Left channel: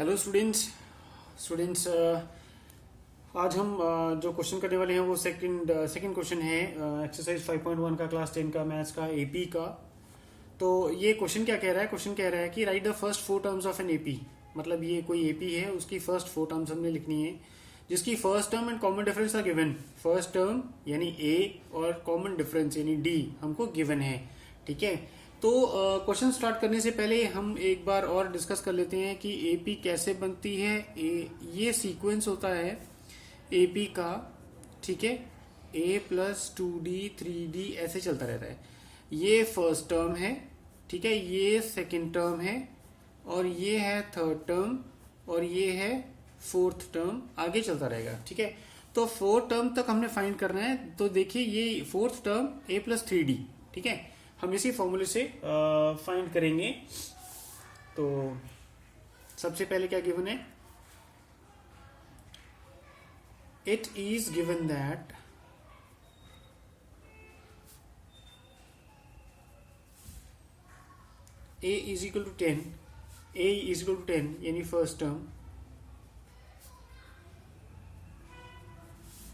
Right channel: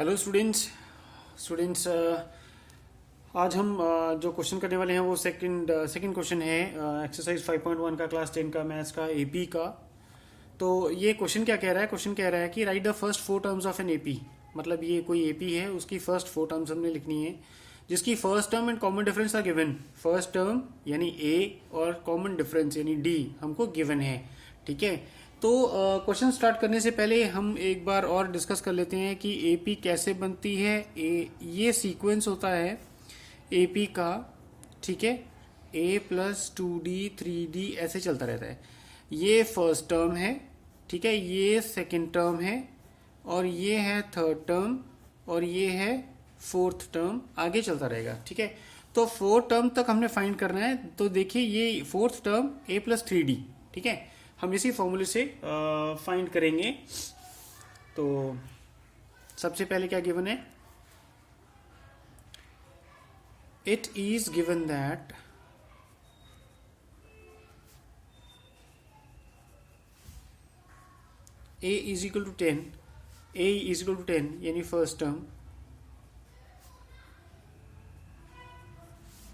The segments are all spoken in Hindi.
हेलो स्टूडेंट्स स्टूडेंट्स आज हम जो क्वेश्चन करने वाले हैं वो सेकंड क्वेश्चन है एक्सरसाइज 5.1 का क्लास 10 का मैथ्स का एपी का। तो ये क्वेश्चन क्या कह रहा है? क्वेश्चन कह रहा है कि right the first four terms of an AP. मतलब ये कोई एपी है, उसकी फर्स्ट फोर टर्म्स हमने लिखनी है, जिसकी first term and common difference are given. First term यानी ए और कॉमन डिफरेंस यानी डी हमको गिवन है। ठीक है, तो क्वेश्चन स्टार्ट करने से पहले हम एक बार और डिस्कस कर लेते हैं कि एपी कैसे बनती है। ये सीक्वेंस होता है एपी का। ठीक है, ए प्लस 2d 3d ऐसे चलता रहता है। ये फर्स्ट टर्म है, ठीक है, ये सेकंड टर्म है, और ये है थर्ड टर्म, और ये है फोर्थ टर्म। आगे चलता रहेगा। ठीक है, तो फोर्थ टर्म तक हमने फाइंड करना है। तो देखिए ये fourth term a plus 3d, ठीक है, हम इसी फॉर्मूले से फाइंड करेंगे। तो सबसे पहले क्या गिवन है? It is given that a is equal to 10, a is equal to 10 यानी फर्स्ट टर्म,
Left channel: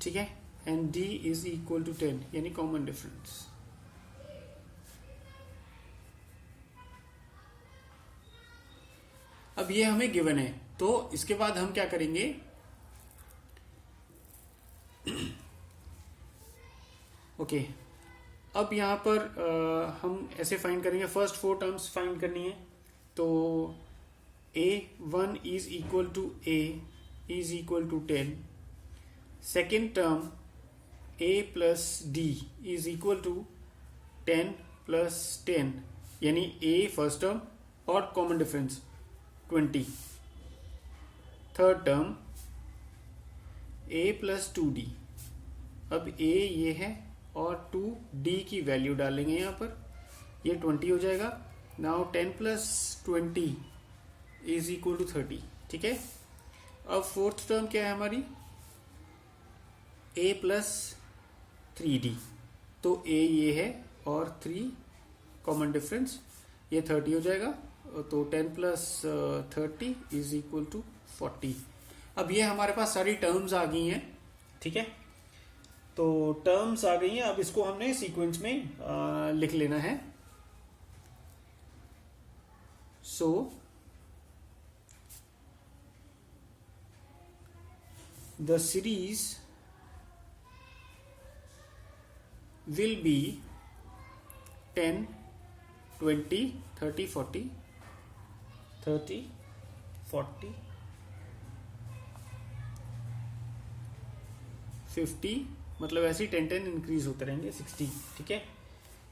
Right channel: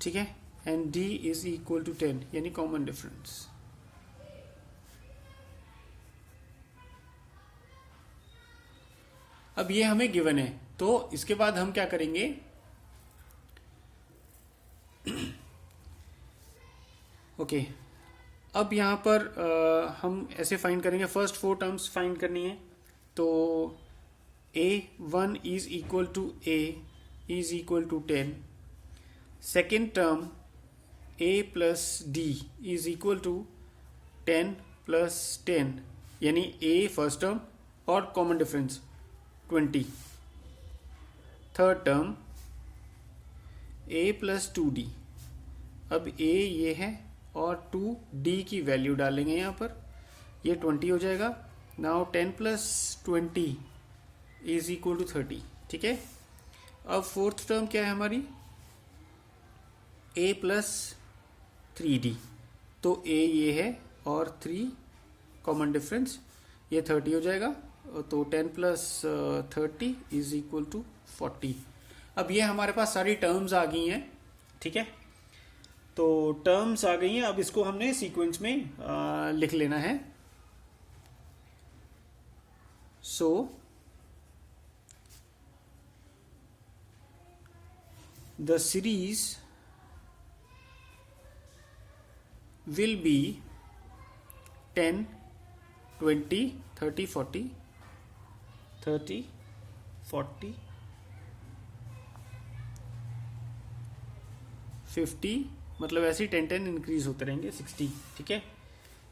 ठीक है, and d is equal to 10 यानी कॉमन डिफरेंस। अब ये हमें गिवन है, तो इसके बाद हम क्या करेंगे? ओके, अब यहां पर हम ऐसे फाइंड करेंगे। फर्स्ट फोर टर्म्स फाइंड करनी है। तो a1 is equal to a is equal to 10। Second term a plus d is equal to 10 plus 10 यानी a फर्स्ट टर्म और common difference 20। Third term a plus 2d। अब a ये है और 2d की वैल्यू डालेंगे यहां पर, ये 20 हो जाएगा। Now 10 plus 20 is equal to 30। ठीक है, अब फोर्थ टर्म क्या है हमारी? a plus 3d। तो a ये है और 3 कॉमन डिफरेंस, ये 30 हो जाएगा। तो 10 प्लस 30 इज इक्वल टू 40। अब ये हमारे पास सारी टर्म्स आ गई हैं। ठीक है, तो टर्म्स आ गई हैं। अब इसको हमने सीक्वेंस में लिख लेना है। So the series will be 10 20 30 40 30 40 50, मतलब ऐसे ही 10 इंक्रीज होते रहेंगे 60। ठीक है,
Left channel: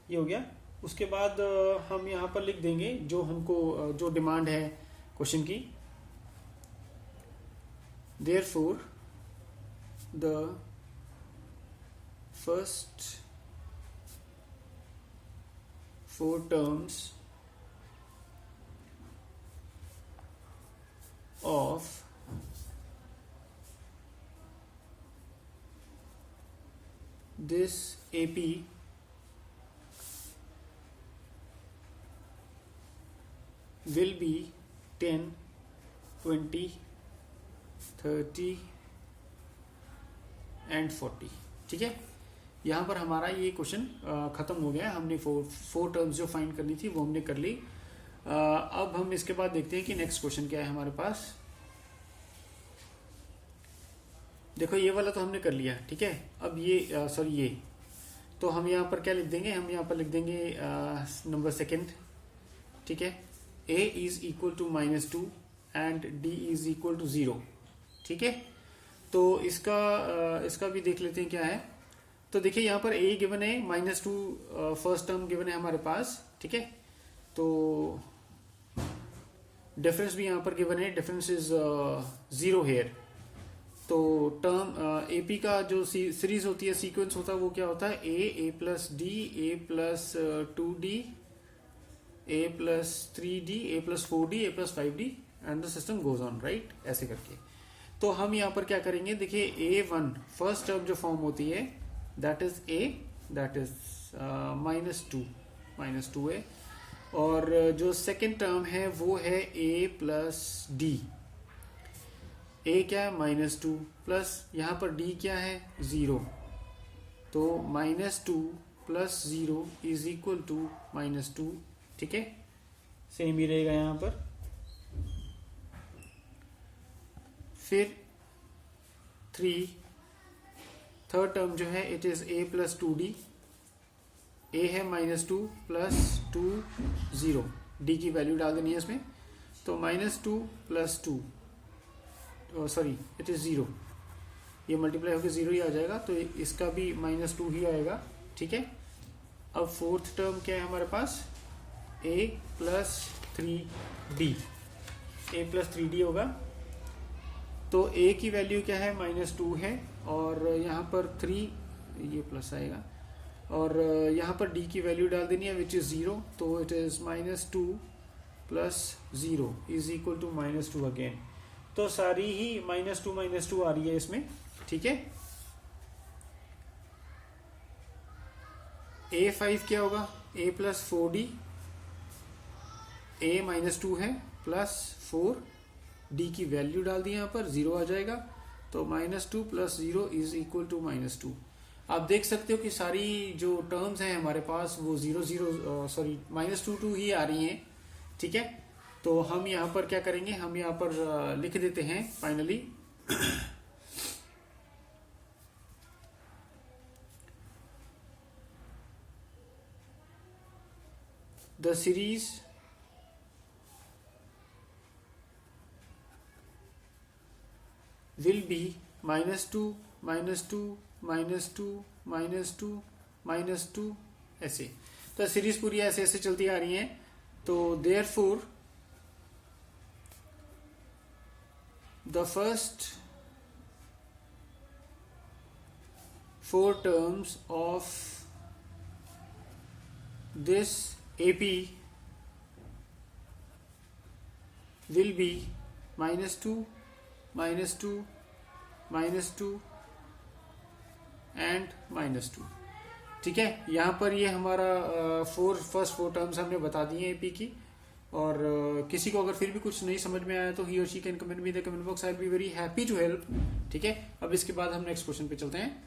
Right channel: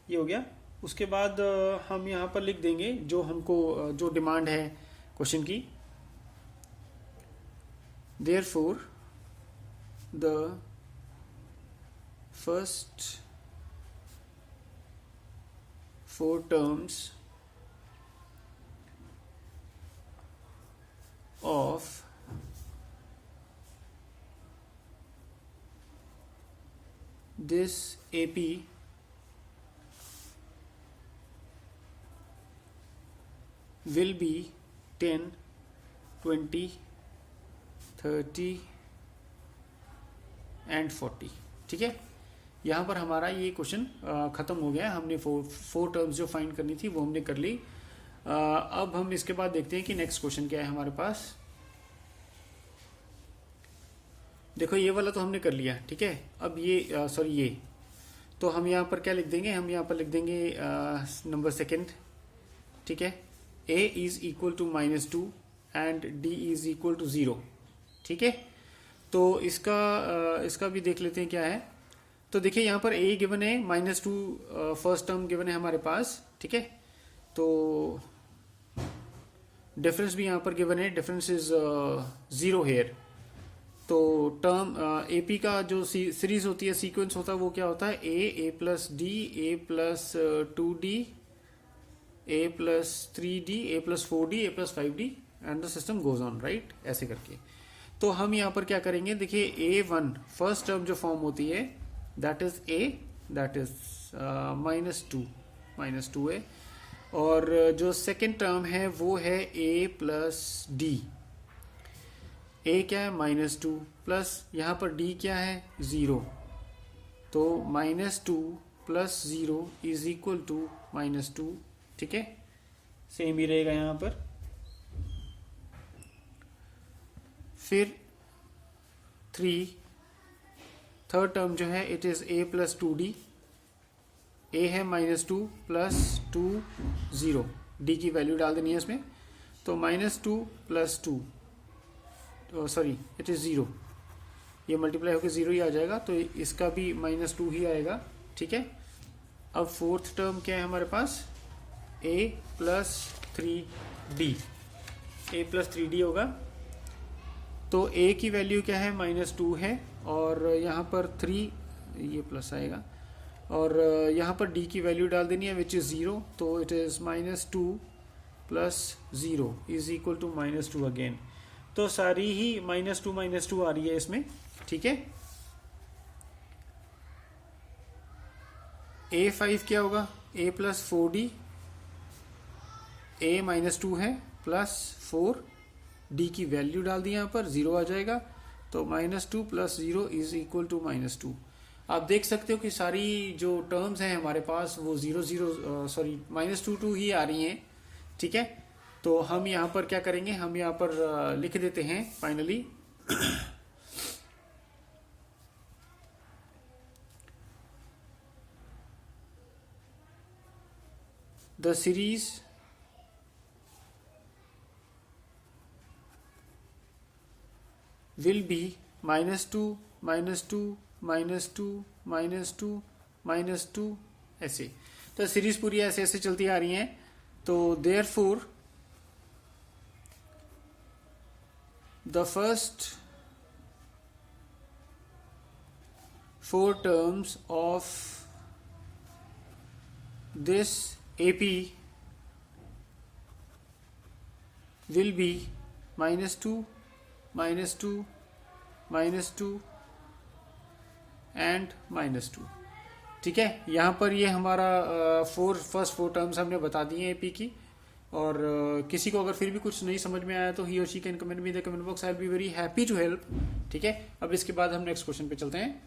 ये हो गया। उसके बाद हम यहाँ पर लिख देंगे जो हमको जो डिमांड है क्वेश्चन की। Therefore the first four terms of this AP will be 10 20 30 and 40। ठीक है, यहाँ पर हमारा ये क्वेश्चन खत्म हो गया। हमने फोर टर्म्स जो फाइंड करनी थी वो हमने कर ली। अब हम इसके बाद देखते हैं कि नेक्स्ट क्वेश्चन क्या है हमारे पास। देखो ये वाला तो हमने कर लिया। ठीक है, अब ये सॉरी ये तो हम यहाँ पर क्या लिख देंगे? हम यहाँ पर लिख देंगे नंबर सेकेंड। ठीक है, a is equal to -2 and d is equal to 0। ठीक है, तो इसका भी देख लेते हैं क्या है। तो देखिए यहाँ पर a गिवन है, -2 फर्स्ट टर्म गिवन है हमारे पास। ठीक है, तो डिफरेंस भी यहाँ पर गिवन है, डिफरेंस इज 0 हेयर। तो टर्म एपी का जो सीरीज होती है, सीक्वेंस होता है, वो क्या होता है? a plus d, a plus 2d, a plus 3d, a plus 4d, a plus 5d and the system goes on, right, ऐसे करके। तो हम यहाँ पर क्या करेंगे? देखिए a1 फर्स्ट टर्म जो फॉर्म होती है that is a, that is -2 है, और जो सेकेंड टर्म है वो है a प्लस d। ए क्या है -2 प्लस यहाँ पर डी क्या है 0, तो -2 प्लस 0 इज इक्वल टू -2, ठीक है, सेम ही रहेगा यहाँ पर। फिर 3 थर्ड टर्म जो है it is a plus 2d, a है -2 प्लस 2 0, d की वैल्यू डाल देनी है इसमें, तो -2 प्लस 2 सॉरी इट इज 0, ये मल्टीप्लाई होकर 0 ही आ जाएगा, तो इसका भी -2 ही आएगा, ठीक है। अब फोर्थ टर्म क्या है हमारे पास, a plus 3d, a plus 3d होगा, तो a की वैल्यू क्या है -2 है, और यहाँ पर 3 ये प्लस आएगा, और यहाँ पर d की वैल्यू डाल देनी है विच इज 0, तो it is -2 plus 0 is equal to -2 again, तो सारी ही -2 आ रही है इसमें, ठीक है। a5 क्या होगा, a प्लस 4d, a -2 है प्लस 4, d की वैल्यू डाल दी यहाँ पर 0 आ जाएगा, तो -2 प्लस 0 इज इक्वल टू -2। आप देख सकते हो कि सारी जो टर्म्स हैं हमारे पास वो 0 सॉरी -2 ही आ रही हैं, ठीक है। तो हम यहाँ पर क्या करेंगे, हम यहाँ पर लिख देते हैं finally the series will be -2 -2 -2 -2 -2 ऐसे, तो सीरीज पूरी ऐसे ऐसे चलती आ रही है, तो therefore the first 4 terms of this AP will be -2 -2 -2 and -2, ठीक है। यहाँ पर ये हमारा फर्स्ट 4 टर्म्स हमने बता दिए एपी की, और किसी को अगर फिर भी कुछ नहीं समझ में आया तो ही और she can comment me the comment box, I will be very happy to help, ठीक है। अब इसके बाद हम नेक्स्ट क्वेश्चन पे चलते हैं।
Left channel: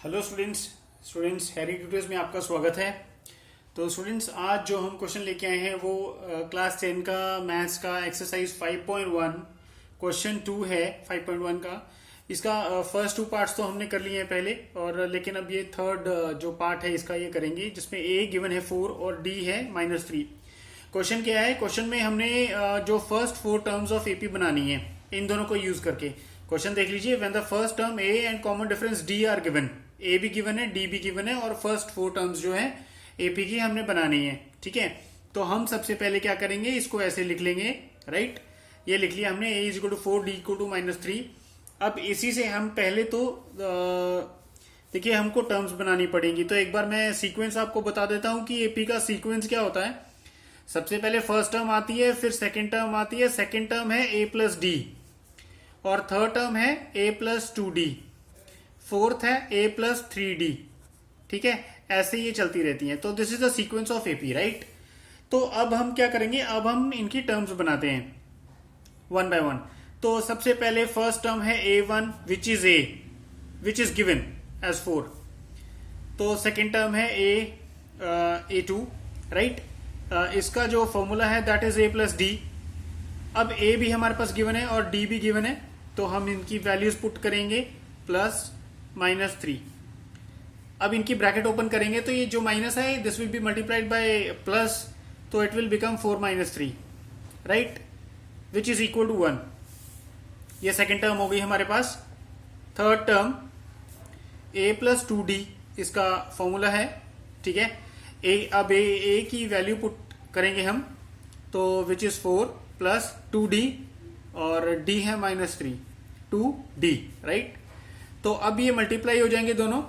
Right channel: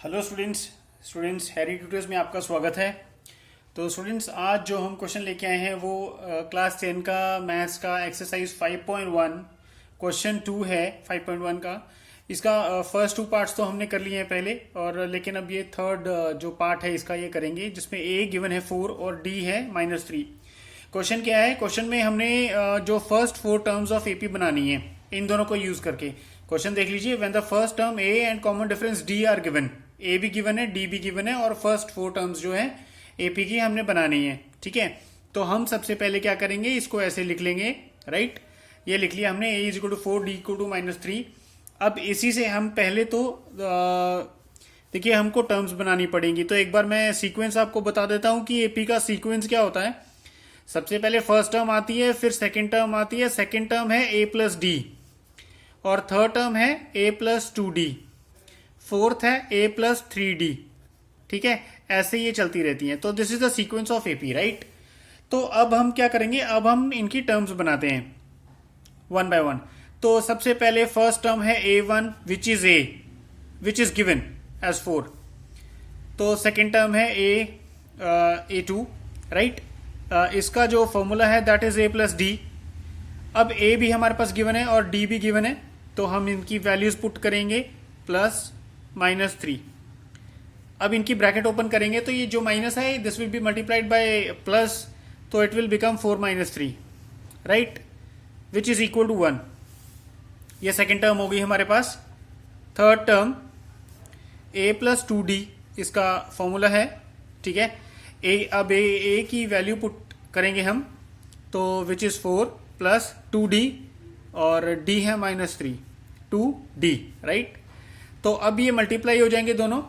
हेलो स्टूडेंट्स हैरी ट्यूटर्स में आपका स्वागत है। तो स्टूडेंट्स आज जो हम क्वेश्चन लेके आए हैं वो क्लास 10 का मैथ्स का एक्सरसाइज 5.1 क्वेश्चन 2 है 5.1 का। इसका फर्स्ट 2 पार्ट्स तो हमने कर लिए हैं पहले, और लेकिन अब ये थर्ड जो पार्ट है इसका ये करेंगे, जिसमें a गिवन है 4 और d है -3। क्वेश्चन क्या है, क्वेश्चन में हमने जो फर्स्ट 4 टर्म्स ऑफ एपी बनानी है इन दोनों को यूज करके। क्वेश्चन देख लीजिए, when the first term a and common difference d are given, a भी गिवन है d भी गिवन है, और फर्स्ट 4 टर्म्स जो है एपी की हमने बनानी है, ठीक है। तो हम सबसे पहले क्या करेंगे, इसको ऐसे लिख लेंगे, राइट। ये लिख लिया हमने, a is equal to 4 d equal to -3। अब इसी से हम पहले तो देखिए हमको टर्म्स बनानी पड़ेंगी, तो एक बार मैं सीक्वेंस आपको बता देता हूं कि एपी का सीक्वेंस क्या होता है। सबसे पहले फर्स्ट टर्म आती है, फिर सेकेंड टर्म आती है, सेकेंड टर्म है a प्लस डी, और थर्ड टर्म है a प्लस 2d, फोर्थ है a प्लस 3d, ठीक है। ऐसे ये चलती रहती हैं, तो this is the sequence of AP, right. तो अब हम क्या करेंगे, अब हम इनकी टर्म्स बनाते हैं 1 बाय 1। तो सबसे पहले फर्स्ट टर्म है a1 which is a, which is given as 4। तो सेकेंड टर्म है a2, राइट। इसका जो फॉर्मूला है that is a plus D. अब a भी हमारे पास गिवन है और d भी गिवन है, तो हम इनकी वैल्यूज पुट करेंगे प्लस -3। अब इनकी ब्रैकेट ओपन करेंगे तो ये जो माइनस है this will be multiplied by plus, तो it will become 4 - 3, right, which is equal to 1। ये सेकेंड टर्म हो गई हमारे पास। Third term a plus 2d इसका फॉर्मूला है, ठीक है। अब a की वैल्यू पुट करेंगे हम, तो विच इज 4 प्लस 2d, और d है -3, 2d, राइट। तो अब ये मल्टीप्लाई हो जाएंगे दोनों,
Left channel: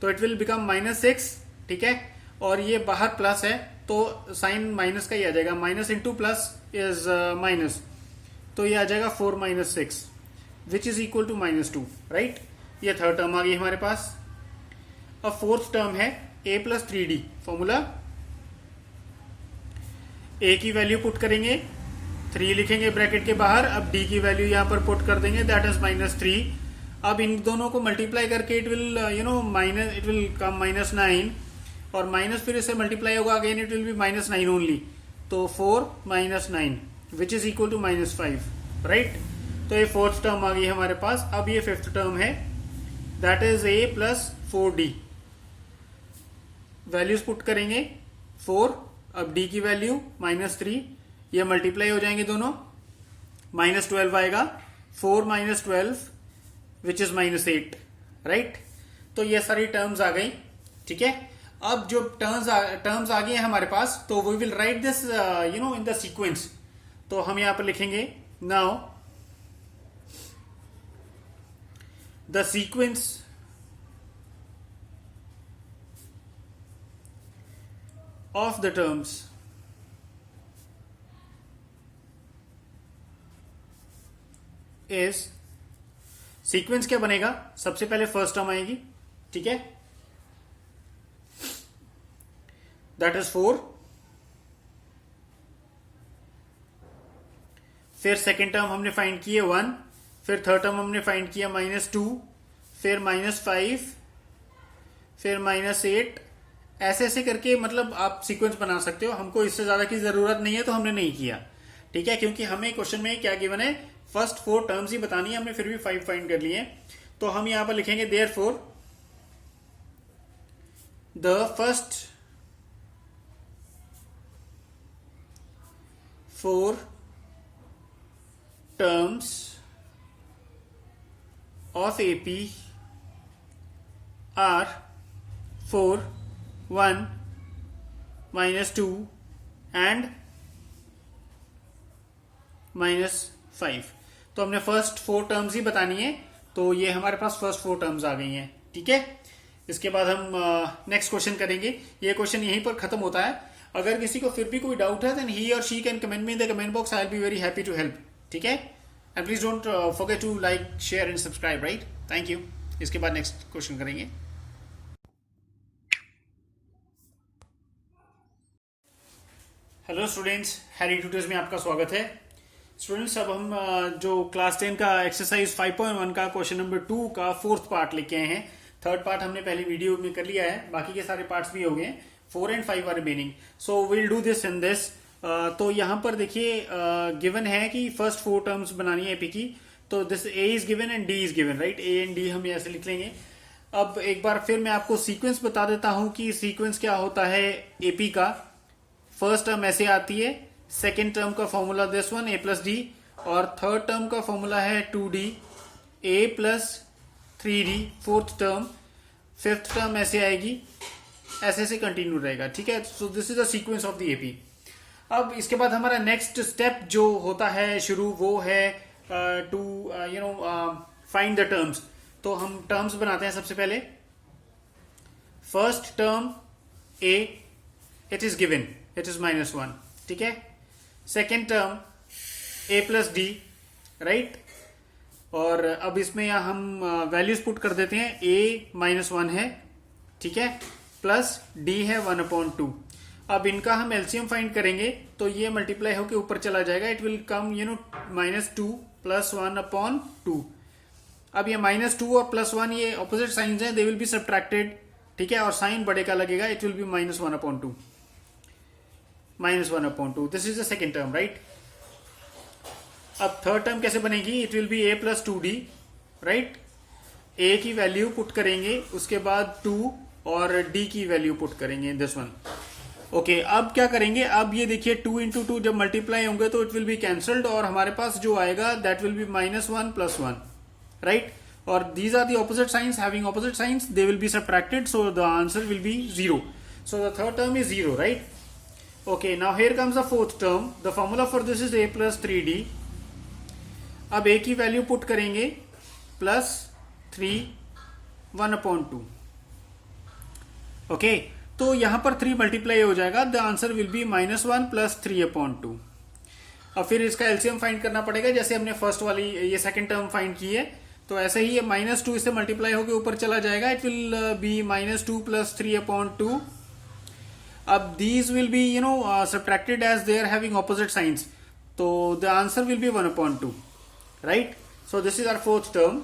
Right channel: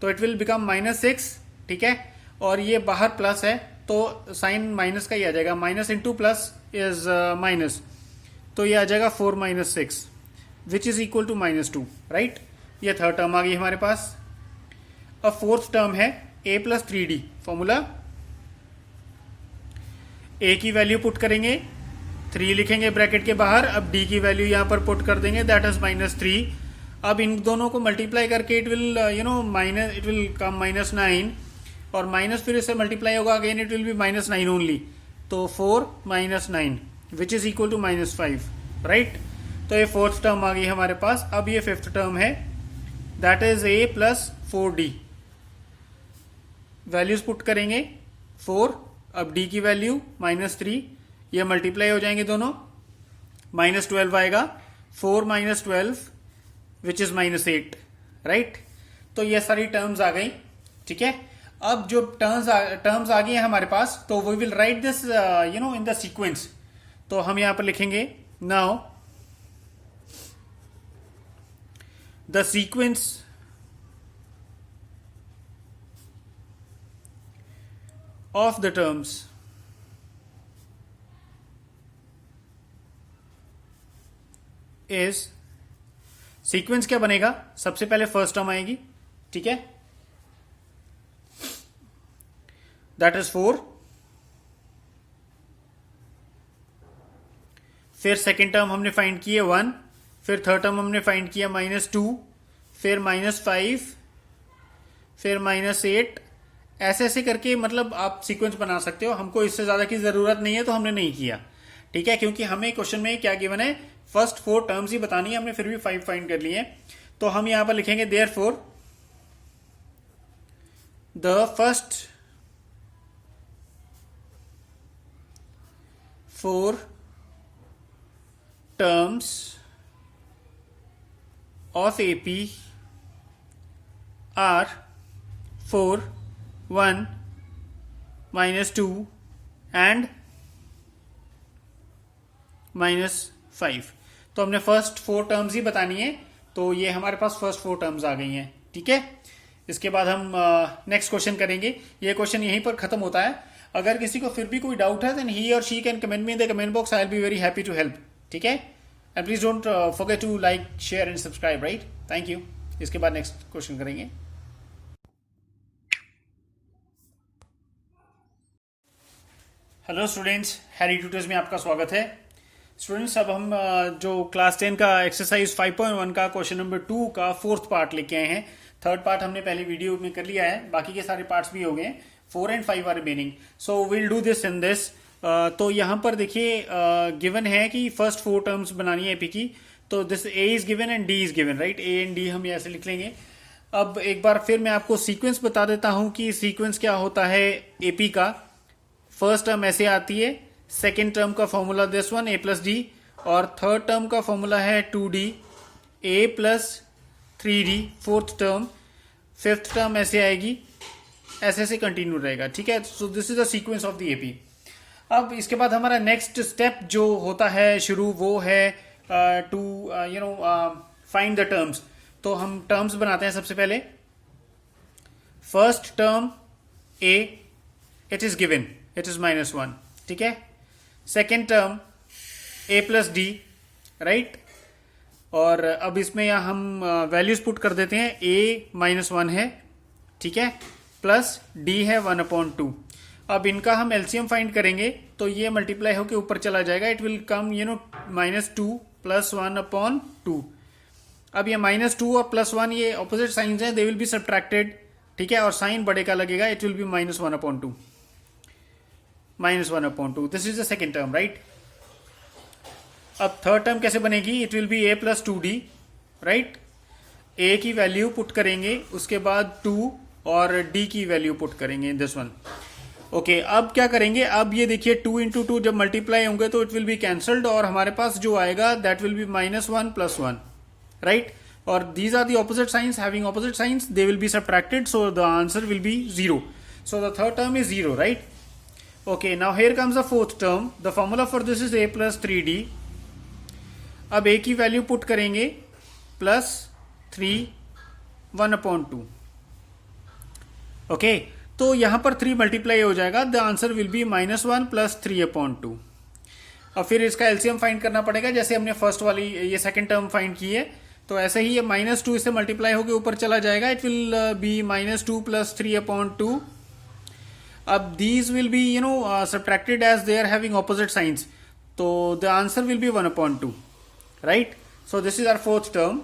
तो इट विल बिकम -6, ठीक है। और ये बाहर प्लस है तो साइन माइनस का ही आ जाएगा, minus into plus is minus, तो ये आ जाएगा 4 - 6 which is equal to -2, right. ये थर्ड टर्म आ गई हमारे पास। अब फोर्थ टर्म है a plus 3d, formula a की वैल्यू पुट करेंगे, 3 लिखेंगे ब्रैकेट के बाहर। अब डी की वैल्यू यहां पर पुट कर देंगे, दैट इज -3। अब इन दोनों को मल्टीप्लाई करके it will minus, it will come -9, और माइनस फिर इससे मल्टीप्लाई होगा again, it will be -9 only. तो 4 - 9 which is equal to -5, right. तो ये फोर्थ टर्म आ गई हमारे पास। अब ये फिफ्थ टर्म है, that is a plus 4d। Values put करेंगे 4, अब d की वैल्यू -3, ये मल्टीप्लाई हो जाएंगे दोनों, -12 आएगा, 4 - 12 विच इज -8, राइट। तो ये सारी टर्म्स आ गई, ठीक है। अब जो टर्म्स आ गई है हमारे पास, तो we will write this in the sequence. तो हम यहां पर लिखेंगे now the sequence of the terms is, sequence क्या बनेगा, सबसे पहले फर्स्ट टर्म आएगी, ठीक है, दैट इज 4। फिर सेकेंड टर्म हमने फाइंड किए 1, फिर थर्ड टर्म हमने फाइंड किया -2, फिर -5, फिर -8, ऐसे ऐसे करके मतलब आप सीक्वेंस बना सकते हो। हमको इससे ज्यादा की जरूरत नहीं है तो हमने नहीं किया, ठीक है, क्योंकि हमें क्वेश्चन में क्या गिवन है, फर्स्ट 4 टर्म्स ही बतानी है, हमने फिर भी 5 फाइंड कर लिए। तो हम यहां पर लिखेंगे therefore the first 4 terms of AP are 4, 1, -2 and -5। तो हमने फर्स्ट 4 टर्म्स ही बतानी है, तो ये हमारे पास फर्स्ट 4 टर्म्स आ गई हैं, ठीक है। इसके बाद हम नेक्स्ट क्वेश्चन करेंगे। ये क्वेश्चन यहीं पर खत्म होता है। अगर किसी को फिर भी कोई डाउट है, देन ही और she can comment me in the comment box, I will be very happy to help, ठीक है। And please don't forget to like, share and subscribe, right. Thank you. इसके बाद नेक्स्ट क्वेश्चन करेंगे। हेलो स्टूडेंट्स, हैरी ट्यूटर्स में आपका स्वागत है। स्टूडेंट्स, अब हम जो क्लास 10 का एक्सरसाइज 5.1 का क्वेश्चन नंबर 2 का फोर्थ पार्ट लेके आए हैं। थर्ड पार्ट हमने पहली वीडियो में कर लिया है, बाकी के सारे पार्ट्स भी हो गए। 4 and 5 are remaining, so will do this in this. तो यहां पर देखिए गिवन है कि फर्स्ट 4 टर्म्स बनानी है एपी की। तो this A is given and D is given, right. A and D हम ऐसे लिख लेंगे। अब एक बार फिर मैं आपको सीक्वेंस बता देता हूं कि सीक्वेंस क्या होता है एपी का। फर्स्ट टर्म ऐसे आती है, सेकेंड टर्म का formula this one, a plus D, और थर्ड टर्म का फॉर्मूला है 2d, a plus 3d, fourth term, fifth term ऐसे आएगी, ऐसे ऐसे कंटिन्यू रहेगा, ठीक है। सो this is the sequence of the AP. अब इसके बाद हमारा नेक्स्ट स्टेप जो होता है शुरू, वो है टू फाइंड द टर्म्स। तो हम टर्म्स बनाते हैं सबसे पहले। First term a, it is given, it is -1, ठीक है। Second term a plus D, right. और अब इसमें हम वैल्यूज पुट कर देते हैं। a -1 है, ठीक है, प्लस d है 1/2। अब इनका हम एलसीएम फाइंड करेंगे, तो ये मल्टीप्लाई होकर ऊपर चला जाएगा, इट विल कम -2 + 1/2। अब ये -2 और +1 ये ऑपोजिट साइंस हैं, दे विल बी सब्ट्रैक्टेड, ठीक है, और साइन बड़े का लगेगा, it will B -1/2, -1/2। This is the second term, right. अब थर्ड टर्म कैसे बनेगी, it will be a + 2d, right. a की वैल्यू पुट करेंगे, उसके बाद 2 और d की वैल्यू पुट करेंगे, दिस वन। ओके, अब क्या करेंगे, अब ये देखिए 2 × 2 जब मल्टीप्लाई होंगे तो इट विल बी कैंसल्ड, और हमारे पास जो आएगा दैट विल बी -1 + 1, राइट। और these are the opposite signs, having opposite signs, they will be subtracted, so the answer will be 0। So the third term is 0, right. Okay, now here comes the fourth term. The formula for this is a plus 3d. अब a की वैल्यू पुट करेंगे, प्लस 3 1/2। ओके, तो यहां पर 3 मल्टीप्लाई हो जाएगा, द आंसर विल बी -1 + 3/2। अब फिर इसका एलसीएम फाइंड करना पड़ेगा, जैसे हमने फर्स्ट वाली ये सेकंड टर्म फाइंड की है, तो ऐसे ही ये -2 इससे मल्टीप्लाई होकर ऊपर चला जाएगा, इट विल बी -2 + 3/2। अब these will be subtracted as they are having opposite signs, तो the answer will be 1/2, right? So this is our fourth term.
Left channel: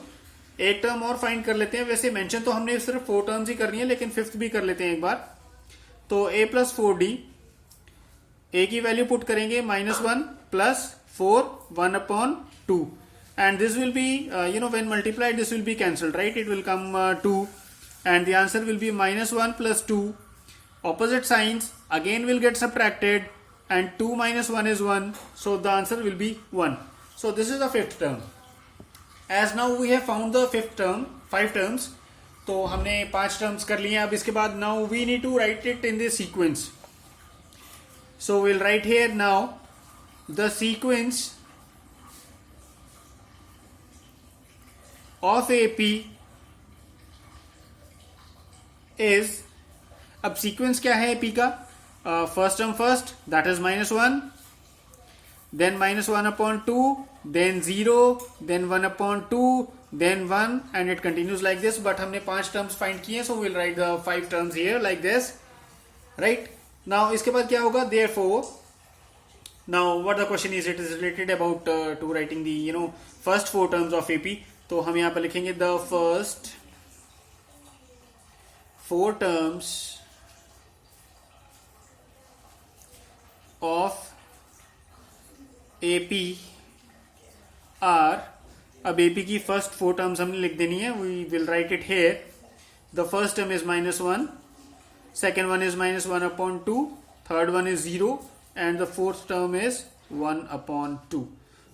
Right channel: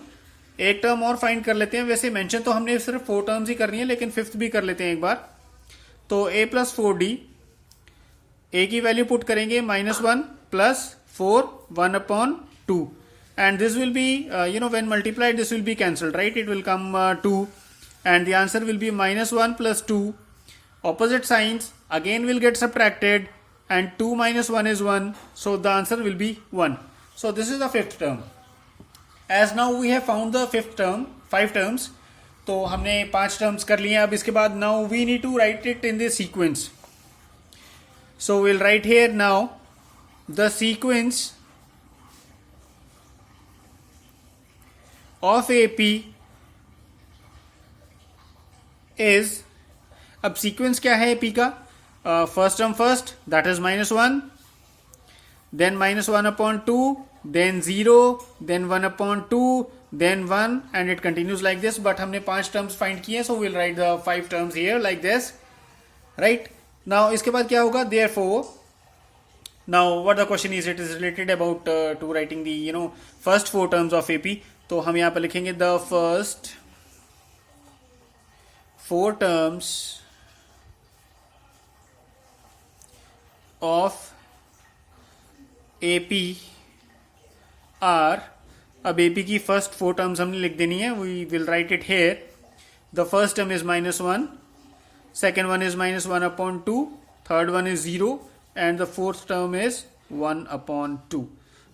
एक टर्म और फाइंड कर लेते हैं. वैसे मेंशन तो हमने सिर्फ 4 टर्म्स ही करनी है, लेकिन फिफ्थ भी कर लेते हैं एक बार. तो a प्लस 4d, a की वैल्यू पुट करेंगे -1 plus 4 1/2, and this will be when multiplied this will be cancelled, right? It will come 2, and the answer will be -1 plus 2. Opposite signs again will get subtracted, and 2 minus 1 is 1, so the answer will be 1. So this is the fifth term. As now we have found the fifth term, 5 terms, तो हमने 5 terms कर लिए. अब इसके बाद now we need to write it in the sequence. So we'll write here now the sequence of AP is, अब सीक्वेंस क्या है AP का? First term first, that is -1, then -1/2, then 0, then 1/2, then 1, and it continues like this. But हमने 5 terms find किए, so we'll write the 5 terms here like this, right? Now इसके बाद क्या होगा? Therefore, now what the question is, it is related about to writing the first 4 terms of AP. तो हम यहाँ पर लिखेंगे the first 4 terms of AP are, अब AP की फर्स्ट 4 टर्म्स हमने लिख देनी है. We will write it here. The first term is -1, second one is -1/2, third one is 0, and the fourth term is 1/2.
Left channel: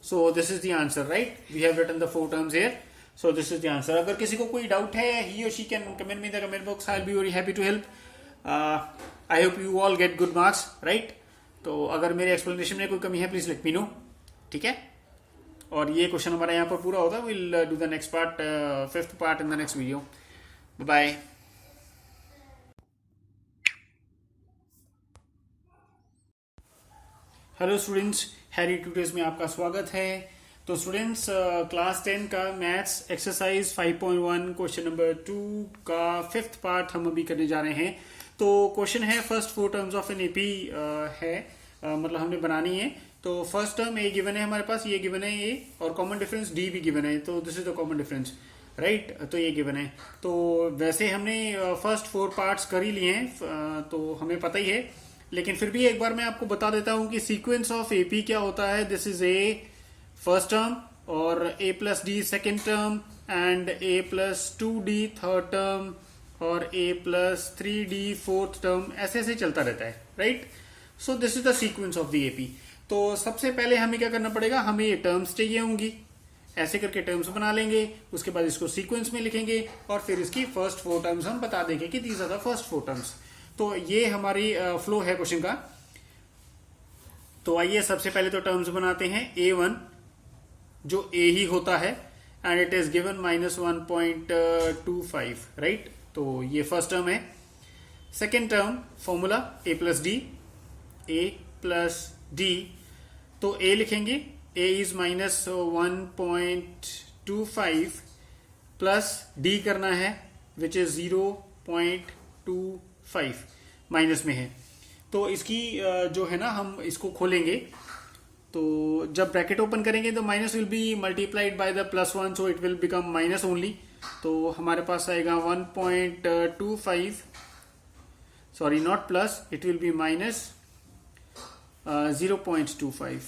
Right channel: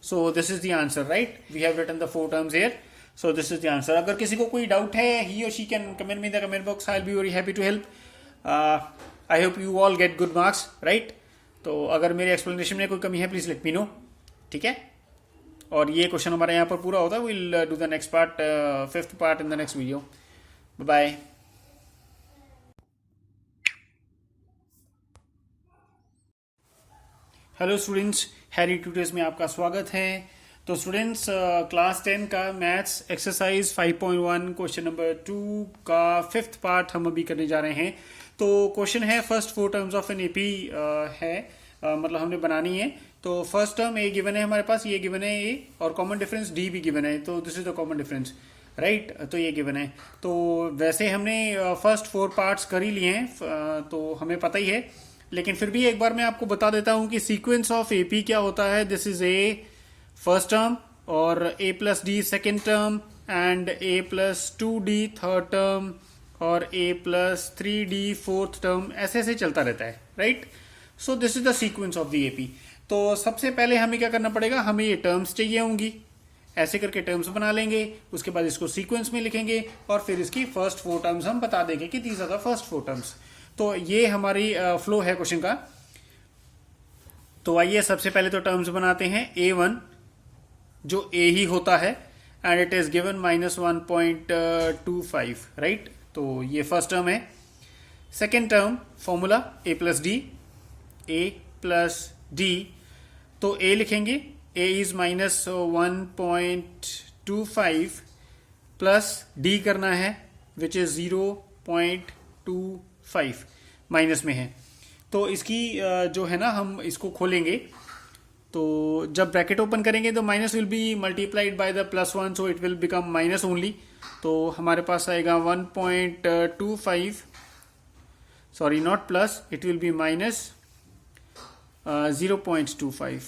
So this is the answer, right? We have written the 4 terms here. So this is the answer. अगर किसी को कोई डाउट है, ही और she can comment me in the comment box. I will be very happy to help. I hope you all get good marks, right? तो अगर मेरे एक्सप्लेनेशन में कोई कमी है, प्लीज लेट मी नो, ठीक है? और ये क्वेश्चन हमारा यहाँ पर पूरा होता है. Will do the next part, fifth part in the next video. Bye. Hello students, Harry Tutors में आपका स्वागत है. तो स्टूडेंट्स, क्लास 10 का मैथ्स एक्सरसाइज 5.1 क्वेश्चन नंबर 2 का फिफ्थ पार्ट हम अभी करने जा रहे हैं. तो क्वेश्चन है first 4 terms of an AP है, मतलब हमने बनानी है. तो फर्स्ट टर्म ए गिवन है हमारे पास, ये गिवन है ए, और कॉमन डिफरेंस डी भी गिवन है. तो this is the common difference, right? तो ये गिवन है. तो वैसे हमने फर्स्ट 4 पार्ट्स कर ही लिए हैं, तो हमें पता ही है, लेकिन फिर भी एक बार मैं आपको बता देता हूं कि सीक्वेंस ऑफ एपी क्या होता है. This is a first term, और a plus d second term, and a plus 2d third term, और a plus 3d fourth term, ऐसे ऐसे चलता रहता है, right? So this is the sequence of the AP. तो सबसे पहले हमें क्या करना पड़ेगा? हमें ये टर्म्स चाहिए होंगी. ऐसे करके टर्म्स बना लेंगे, उसके बाद इसको सीक्वेंस में लिखेंगे, और फिर इसकी फर्स्ट 4 टर्म्स हम बता देंगे कि these are the first 4 terms. तो ये हमारी फ्लो है क्वेश्चन का. तो आइए सबसे पहले तो टर्म्स बनाते हैं. A1 जो a ही होता है, and it is given -1.25, right? तो ये फर्स्ट टर्म है. Second term formula a plus D. तो a लिखेंगे, a इज -1.25 प्लस d करना है, विच इज 0.25, माइनस में है. तो इसकी जो है ना, हम इसको खोलेंगे. तो जब ब्रैकेट ओपन करेंगे तो minus will be multiplied by the +1, so it will become minus only. तो हमारे पास आएगा 1.25, sorry not plus, it will be minus 0.25.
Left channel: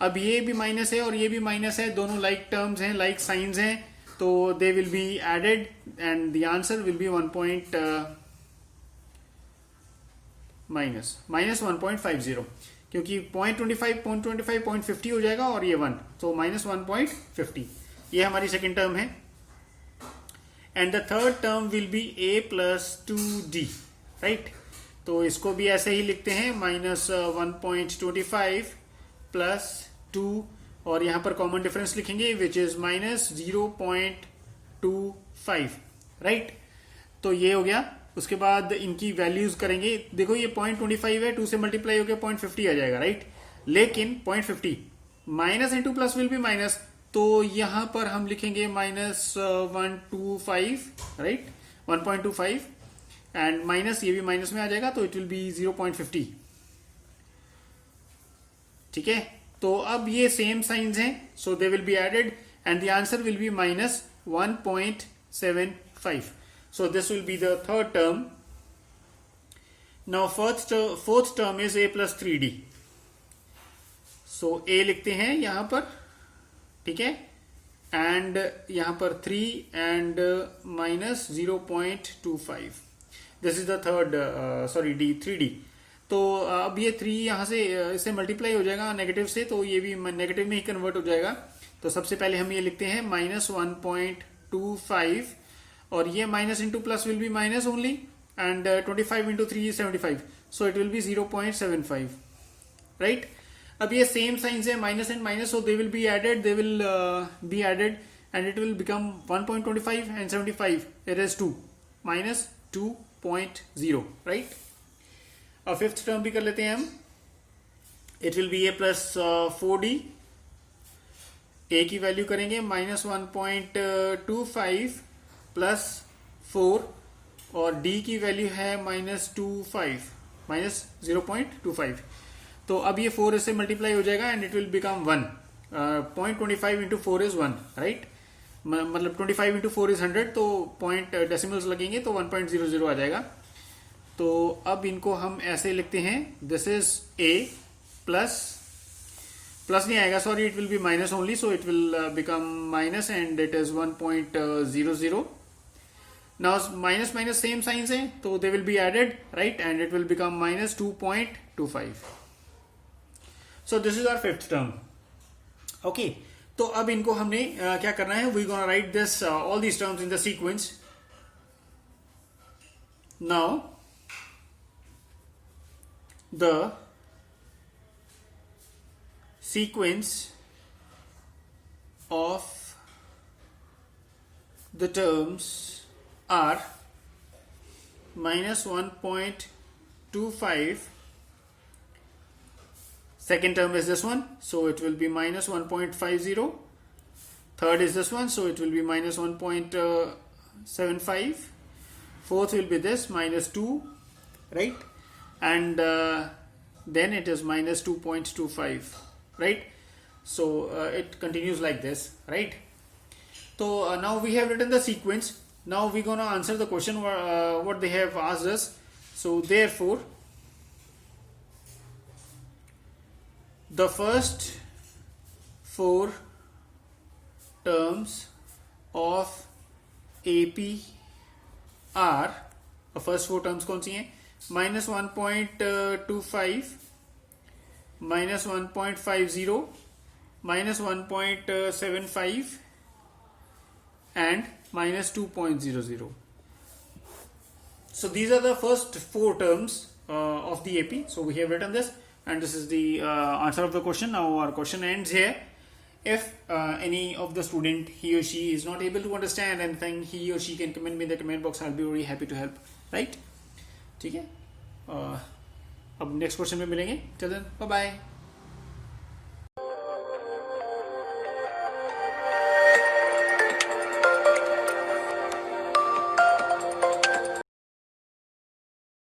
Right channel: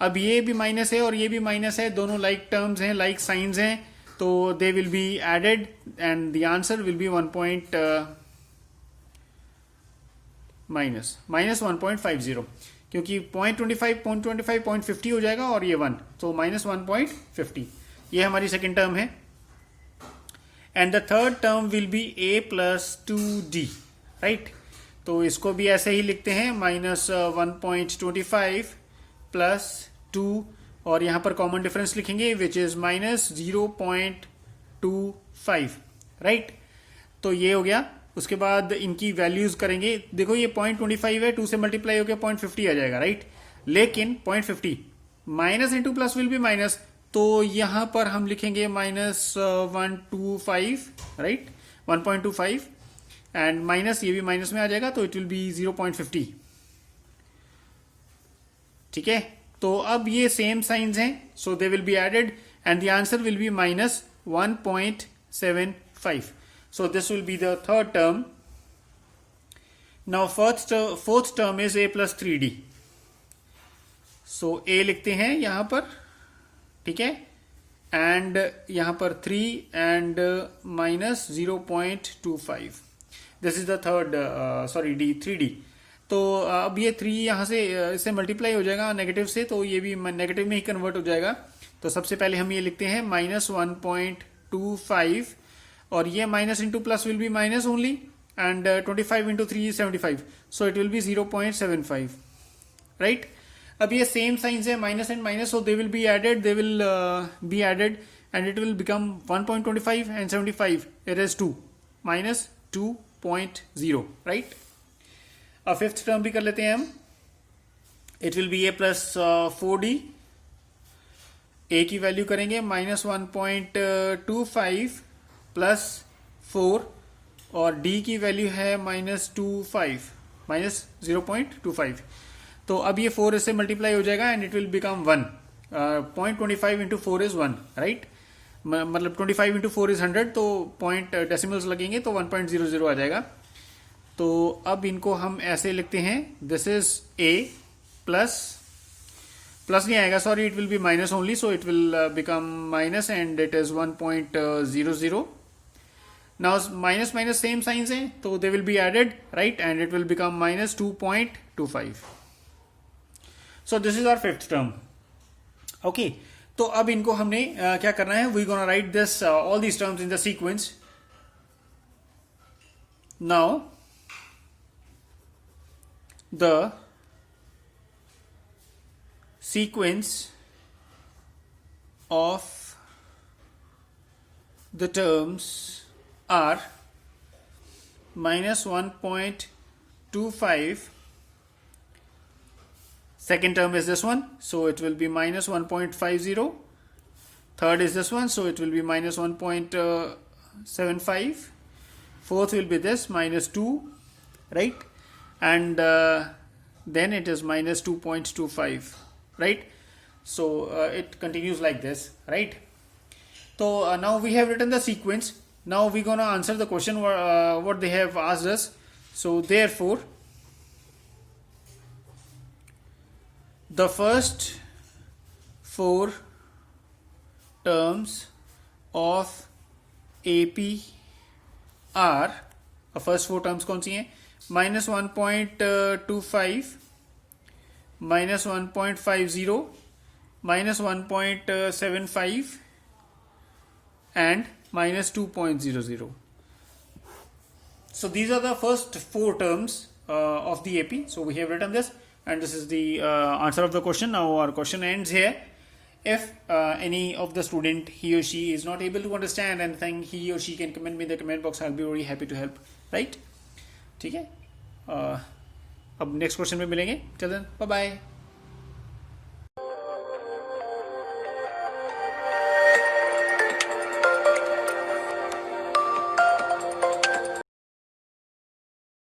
अब ये भी माइनस है और ये भी माइनस है, दोनों लाइक टर्म्स हैं, लाइक साइंस हैं, तो they will be added and the answer will be -1.50, क्योंकि 0.25 0.50 हो जाएगा, और ये 1, तो -1.50. ये हमारी सेकेंड टर्म है. And the third term will be a plus 2d, right? तो इसको भी ऐसे ही लिखते हैं, -1.25 प्लस 2, और यहां पर कॉमन डिफरेंस लिखेंगे, विच इज -0.25, राइट? तो ये हो गया. उसके बाद इनकी वैल्यूज करेंगे. देखो ये 0.25 है, 2 से मल्टीप्लाई हो गया 0.50 आ जाएगा, राइट? लेकिन 0.50 minus into plus will be minus, तो यहां पर हम लिखेंगे -125, राइट? 1.25, एंड माइनस, ये भी माइनस में आ जाएगा, तो इट विल बी 0.50. ठीक है, तो अब ये सेम साइंस हैं, so they will be added and the answer will be minus 1.75. So this will be the third term. Now fourth term is a plus 3d. So a लिखते हैं यहां पर, ठीक है, एंड यहां पर 3 and minus 0.25. This is the third, sorry D, 3d. तो अब ये 3 यहां से इससे मल्टीप्लाई हो जाएगा नेगेटिव से, तो ये भी नेगेटिव में ही कन्वर्ट हो जाएगा. तो सबसे पहले हम ये लिखते हैं माइनस 1.25, और ये minus into plus will be minus only, and 25 into 3 is 75, so it will be 0.75. Right, अब ये सेम साइंस है, minus and minus, so they will be added, and it will become 1.25 and 75. It is 2 minus 2.0. Right, अब फिफ्थ टर्म भी कर लेते हैं हम. It will be a plus 4d. a की वैल्यू करेंगे माइनस 1.25 प्लस 4, और d की वैल्यू है माइनस 0.25. तो अब ये 4 इससे मल्टीप्लाई हो जाएगा and it will become 1. 0.25 into 4 is 1. Right, मतलब 25 इंटू 4 इज 100, तो पॉइंट डेसिमल्स लगेंगे तो 1.00 आ जाएगा. तो अब इनको हम ऐसे लिखते हैं, दिस इज a प्लस नहीं आएगा, sorry, it will be minus only, so it will become minus and it is 1.00. Now minus minus same signs है, तो they will be added, right, and it will become minus 2.25. So this is our fifth term. Okay, तो अब इनको हमने क्या करना है, we gonna write this all these terms in the sequence. नाउ the sequence of the terms are minus 1.25. Second term is this one, so it will be minus 1.50. Third is this one, so it will be minus 1.75. Fourth will be this, minus 2, right? And then it is minus 2.25, right? So it continues like this, right? So now we have written the sequence. Now we're gonna answer the question what they have asked us. So therefore the first 4 terms of AP are, first 4 terms कौन सी हैं? minus 1.25, minus 1.50, minus 1.75, and minus 2.00. So these are the first 4 terms of the AP. So we have written this, and this is the answer of the question. Now our question ends here. If any of the student, he or she, is not able to understand anything, he or she can comment me in the comment box. I'll be very happy to help. Right? ठीक है, अब नेक्स्ट क्वेश्चन में मिलेंगे. चलो, बाय बाय.